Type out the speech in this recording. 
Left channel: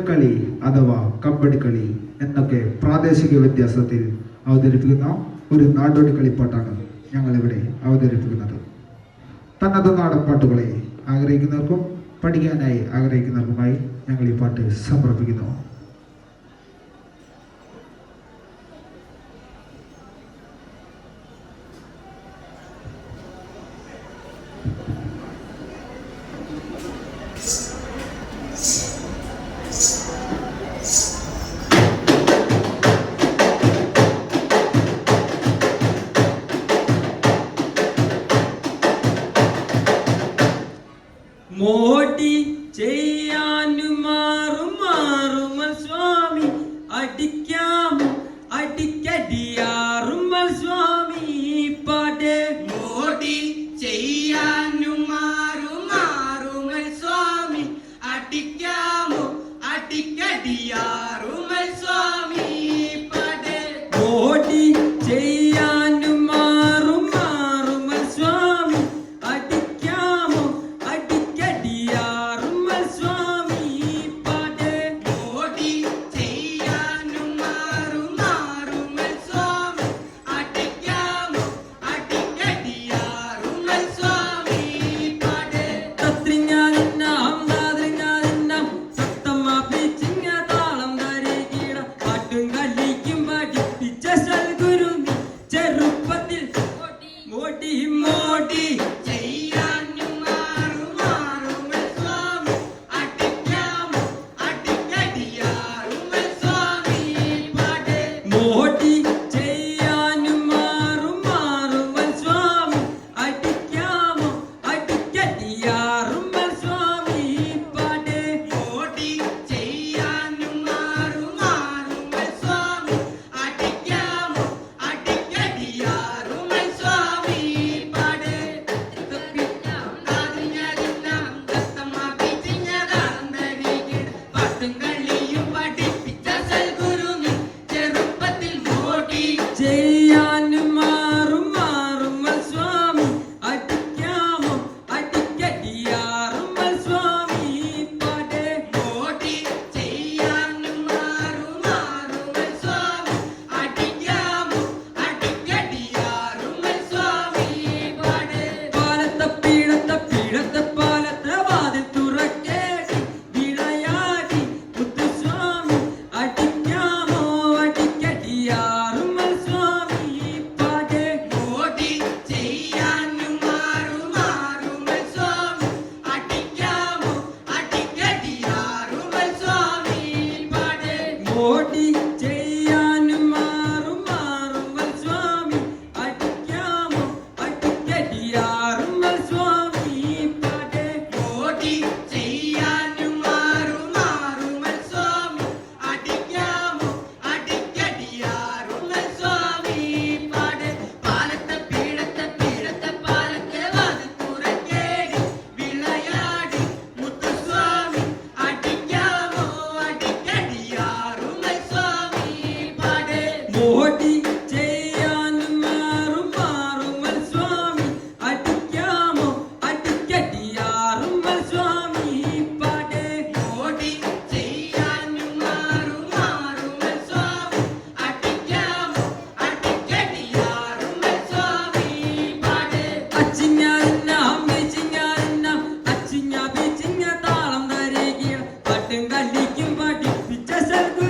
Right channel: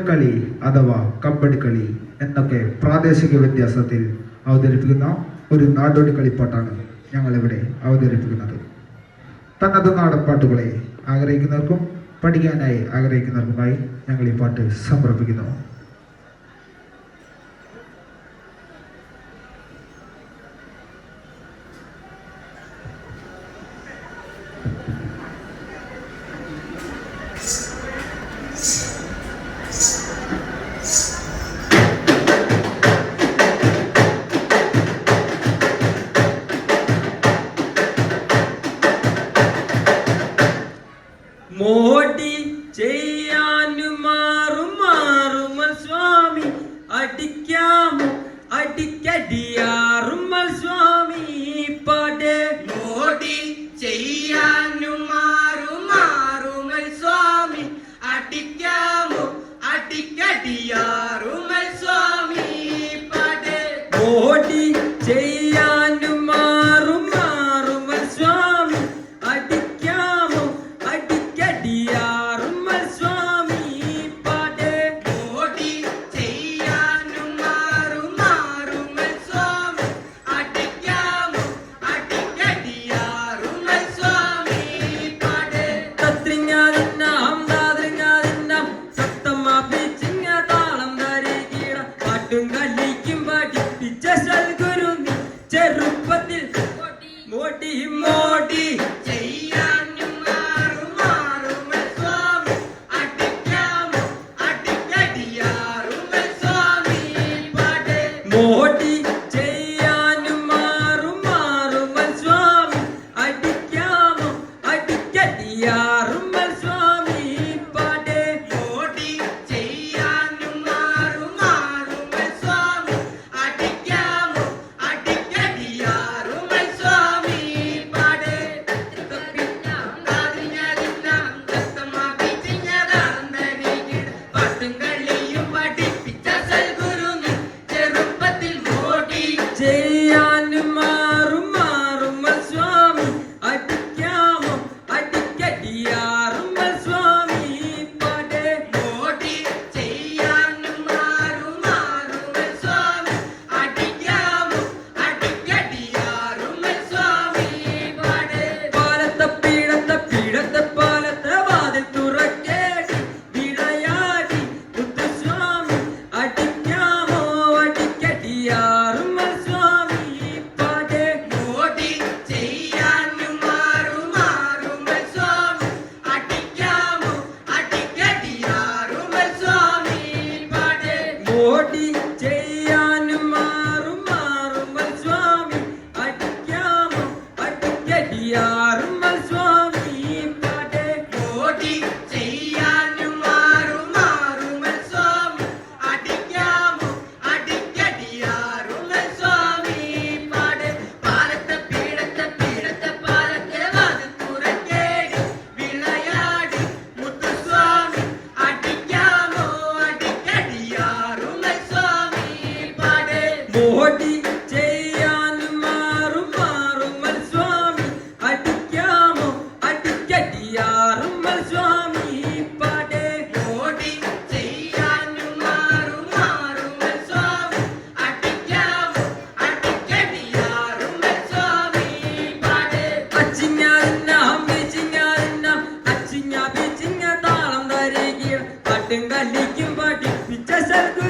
കോൽക്കളി അഥവാ കബഡിക്കളി എന്നൊക്കെ പ്രാദേശിക വ്യത്യാസത്തിൽ അവതരിപ്പിക്കുന്ന ഒരു നാടോടി കളിപ്പാട്ടാണ് ഞങ്ങളിവിടെ അവതരിപ്പിക്കുന്നത്. തനത് നാടൻ പാട്ടുകളെ ആഗ്രഹിക്കുന്നവർക്കും പഠിക്കാനായി ആഗ്രഹിക്കുന്നവർക്കുമായി ഞങ്ങൾ ഈ പാട്ട് സമർപ്പിക്കുന്നു. മോടി ചെയ്യാനും മാറുമൽ സ്വാമി അടിക്കാമോ അടിക്കടിയാറുമൽ സ്വാമി പാടേ. മോടി ചെയ്യാനും മാറുമൽ സ്വാമി അടിക്കാമോ അടിക്കടിയാറുമൽ സ്വാമി പാടേ. മോടി ചെയ്യാനും മാറുമൽ സ്വാമി അടിക്കാമോ അടിക്കടിയാറുമൽ സ്വാമി പാടേ. മോടി ചെയ്യാനും മാറുമൽ സ്വാമി അടിക്കാമോ അടിക്കടിയാറുമൽ സ്വാമി പാടേ. തത്രിഞ്ഞാലിന്നാം താത്രിഞ്ഞാലിന്നാം സത്തമ്മ പിച്ചിങ്ങ താളം തരികിട പാട്ടും കളിക്കും പഠിപ്പിച്ച സൽഗുരു നീ ചെറുപ്പത്തിൽ മോടി മോടി ചെയ്യാനും മാറുമൽ സ്വാമി അടിക്കാമോ അടിക്കടിയാറുമൽ സ്വാമി പാടേ. മോടി ചെയ്യാനും മാറുമൽ സ്വാമി അടിക്കാമോ അടിക്കടിയാറുമൽ സ്വാമി പാടേ. മോടി ചെയ്യാനും മാറുമൽ സ്വാമി അടിക്കാമോ അടിക്കടിയാറുമൽ സ്വാമി പാടേ. താതിഞ്ഞാലിന്നാം തത്തമ്മ പിച്ചിഞ്ഞതാളം തരികിട പാട്ടും കളിയും പഠിപ്പിച്ച സൽഗുരു നീ ചെറുപ്പത്തിൽ മോടി ചെയ്യാനും മാറുമൽ സ്വാമി അടിക്കാമോ അടിക്കടിയാറുമൽ സ്വാമി പാടേ. മോടി ചെയ്യാനും മാറുമൽ സ്വാമി അടിക്കാമോ അടിക്കടിയാറുമൽ സ്വാമി പാടേ. പാലത്തെ പാലത്തെ വാതിൽ തുറക്കേടി വിളയാടി മുത്തുസ്വാമി അടിക്കാമോ അടിക്കടിയാറുമൽ സ്വാമി പാടേ. മോടി ചെയ്യാനും മാറുമൽ സ്വാമി അടിക്കാമോ അടിക്കടിയാറുമൽ സ്വാമി പാടേ. മോടി ചെയ്യാനും മാറുമൽ സ്വാമി അടിക്കാമോ അടിക്കടിയാറുമൽ സ്വാമി പാടേ. മോടി ചെയ്യാനും മാറുമൽ സ്വാമി അടിക്കാമോ അടിക്കടിയാറുമൽ സ്വാമി പാടേ. പാലത്തെ പാലത്തെ വാതിൽ തുറക്കേടി വിളയാടി മുത്തുസ്വാമി അടിക്കാമോ അടിക്കടിയാറുമൽ സ്വാമി പാടേ. മോടി ചെയ്യാനും മാറുമൽ സ്വാമി അടിക്കാമോ അടിക്കടിയാറുമൽ സ്വാമി പാടേ. മോടി ചെയ്യാനും മാറുമൽ സ്വാമി അടിക്കാമോ അടിക്കടിയാറുമൽ സ്വാമി പാടേ. അച്ചിഞ്ഞാലിന്നാം അച്ചിഞ്ഞ പിച്ചിഞ്ഞ താളം തരികിട പാട്ടും കളിക്കും പഠിപ്പിച്ച സൽഗുരു